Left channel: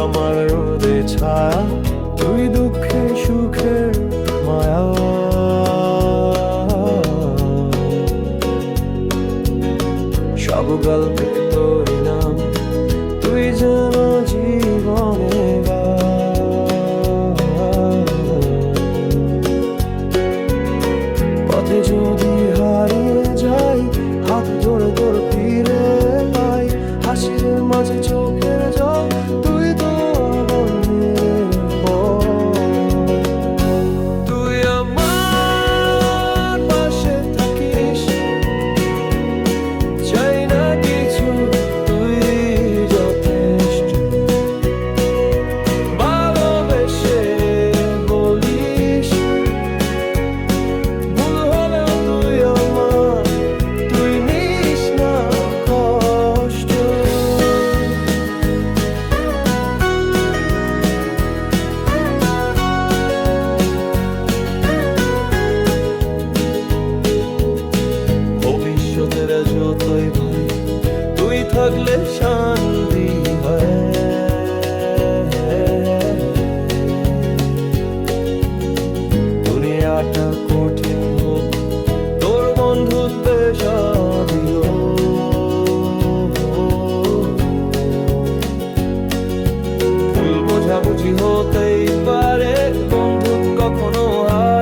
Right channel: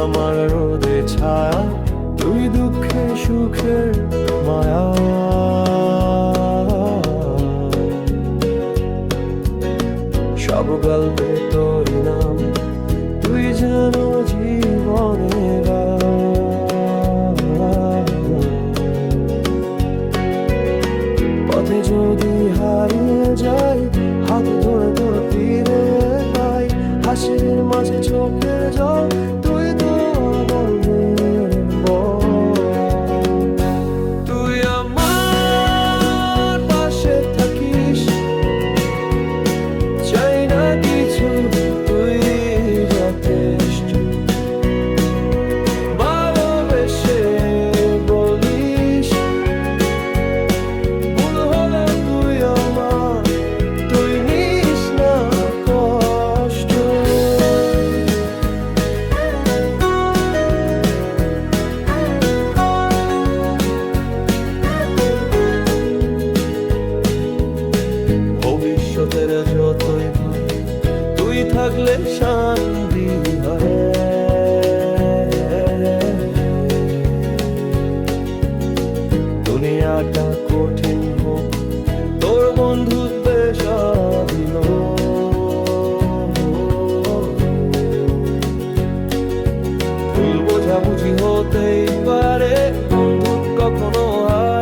আমার রোদে ছায়া তুই দুঃখে সুখের মায়া। সব গল্পে তোর নাম, তুই যেন জীবনে পথে যদি হারিয়ে যাই, হাত ধরে তোর ফিরে পাই হাসির মাঝে চোখের জল ভবিষ্যতের যতই ভয়, তুই থাকলে শান্তি হয়। দুনিয়াটা কঠিন হোক, তোর বন্ধুত্বে সাবিল ভুল বোঝাবুঝি হতেই পারে বন্ধুত্ব কখনো হারায়